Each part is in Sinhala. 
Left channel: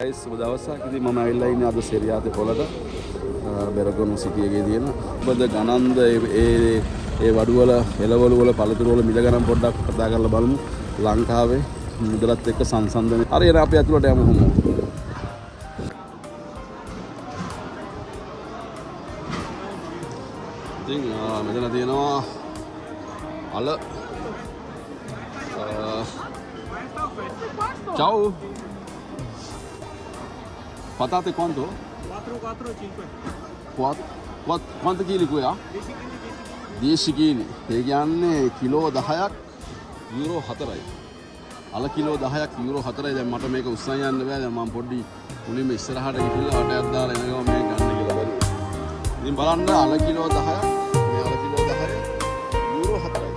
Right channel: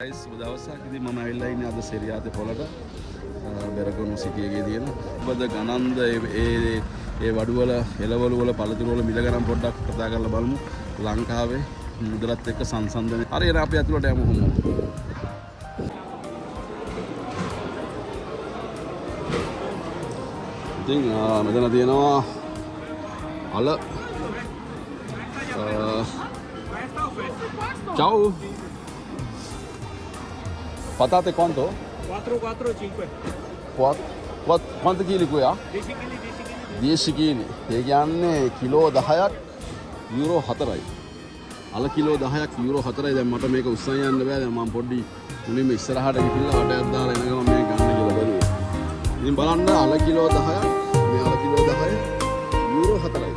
guys සුබ දවසක්. ඉතින් මම ඇවිල්ලා ඉන්නේ අද සෙරියාතේ පොළට. බෙරගොන්න සිටි එකේ තියෙන. මොකද ගණන්ද ඒ වඩු වල එළවලු වල පළතුරු වල මිල ගණන් පොඩ්ඩක් කතා කරලා බලමු. ලංකාවේ මුදලත් එක්ක සංසන්දනය. හරි එන අපි ඇතුළට යමු කොහොමද? ඉතින් මෙතන තියෙනවා අල Ciao. Patate quanto? 4, 5. Quanto chili qui ha? 10 kg. ඒ කියන්නේ කිලෝ 10ක් යුරෝ 4යි. අල කිලෝ 10ක් යුරෝ 4යි. දැන් මට මේක උස්සන් යන්න බෑ. දැන් මම පොඩ්ඩි මුලින්ම ඉස්සරහට ගිහිල්ලා වටයක් දාලා එන ගමන් මේක ගන්න කියලා බලමු. ඉතින් බලන්න අල කිලෝ 10ක් මේ අල කිලෝ 10 යුරෝ 4යි.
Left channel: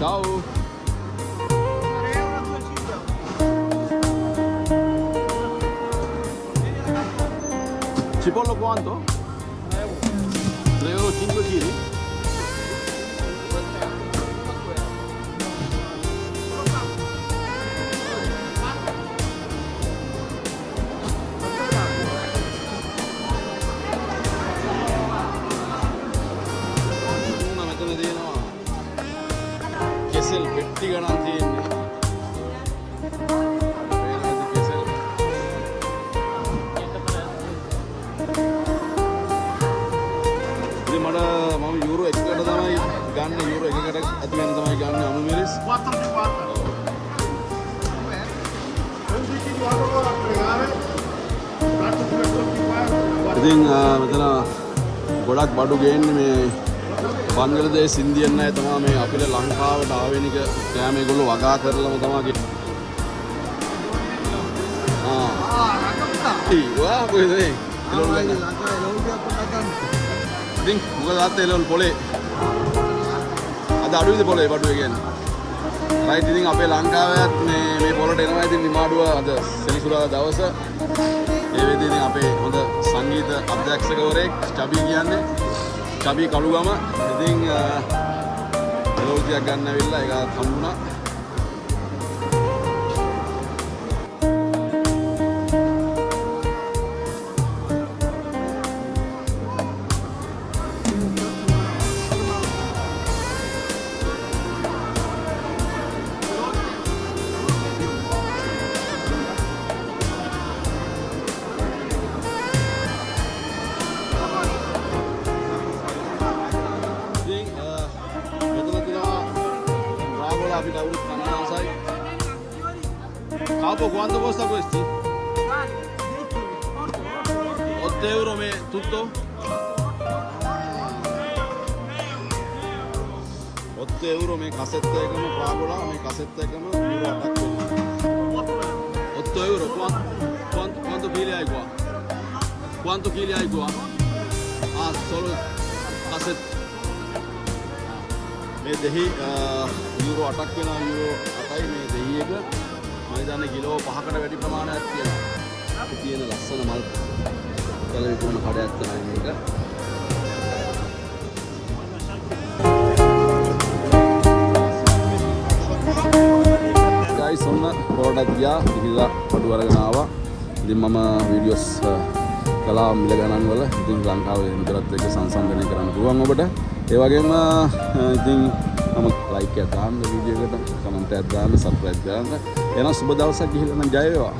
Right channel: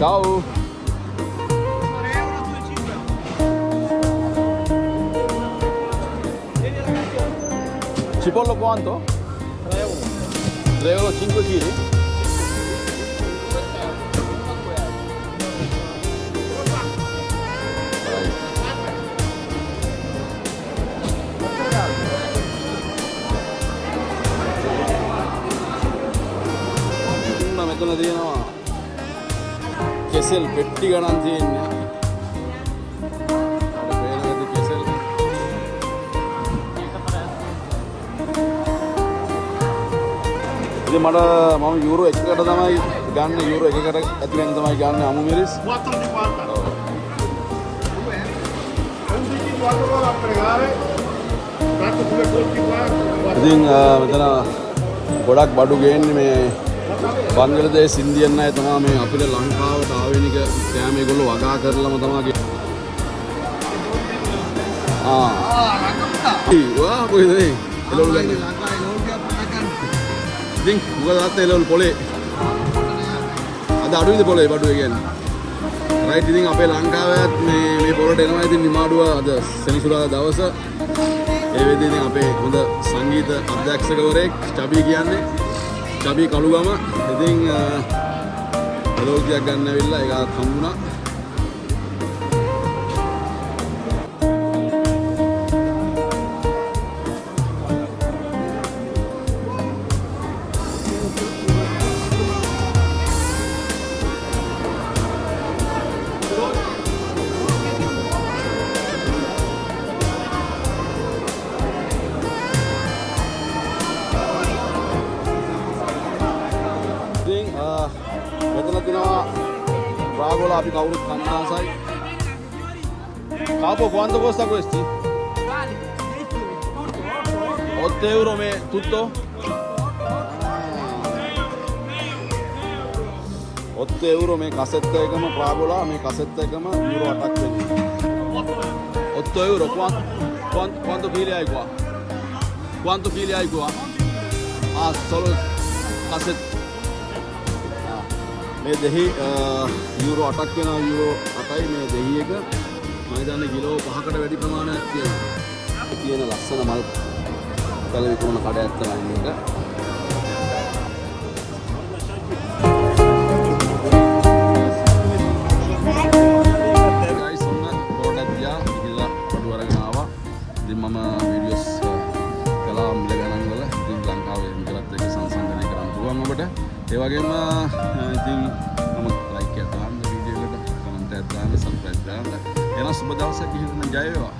Ciao. Cipolla quanto? 3 euro 5 kg. කෙසෙල් පෙට්ටි ගණන් තියෙන්නේ. කෙසෙල්. ඉතින් මම යුරෝ 1කට තමයි ගන්න. යුරෝ 1කට ඇතුලෙන් තමයි ගන්න අමු මිරිස්. ඉතින් මෙතන ගොඩක් බඩු ගේන්නේ මේ බංගලදේශ ඉන්දියන් අය තමයි මේ අපිට ලංකාවට ආවෙනික කෑම ඒගොල්ලෝ වගා කරලම තමයි වා කොහෙද ඒ ඉතින් උගලත් එළවලු පොලේ අද අඩුවේද පොලේ බඩුවේ කියන්නේ රයිට්. ඉතින් අපේ ලංකාවත් මේ පොලට එනවා. ඉතින් නිමාඩුව අද සෙනසුරාදා දවස ඒ වෙද්දී ඉතින් අපේ හොඳ සංගීත අධ්‍යක්ෂකවරයෙක් චබී කියන්නේ චබී කළුගම. ඉතින් ලෝකයක් ගන්න ඇවිල්ලා ඒකත් හම්බුණා. අපි කවුරුත් කන්න ආසයි. Capo, quanto costa questi? 8 euro me tutto? 8 euro මේ කසෙට් එකම පාගොලා මේ කසෙට් එකම යුරෝ 8ක් වෙනවා. 8 euro. Quanto chili hai qua? Quanto chili hai qua? Ah, solo cassette. මේ දෙහි යුරෝ 8ක් වෙනවා. යුරෝ 8යි මේ දෙහි එක. මම හිතන්නේ කිලෝ 5කට වැඩි ප්‍රමාණයක් තියෙනවා. තියෙන ලස්සන මල් තල විකුණන කඩයක් තමයි මේක. guys ඔන්න පොඩක් ගියා ඉතිලා අඩු වරගෙන ආවා. ඉතින් මම වීඩියෝස් කළා මිල ගණන් වල. ඉතින් ලංකාවේ ඉන්ටර්නෙට් එක සංසන්දනය කරන්න පුළුවන් ඔබට. ඒ වගේම ඉතින් like එකක් දාන්න වීඩියෝ එකට කමෙන්ට් එකක් දාන්න සබ්ස්ක්‍රයිබ් කරන්න. එහෙනම් සුබ දවසක් ගිහින් නම් ජය වේවා.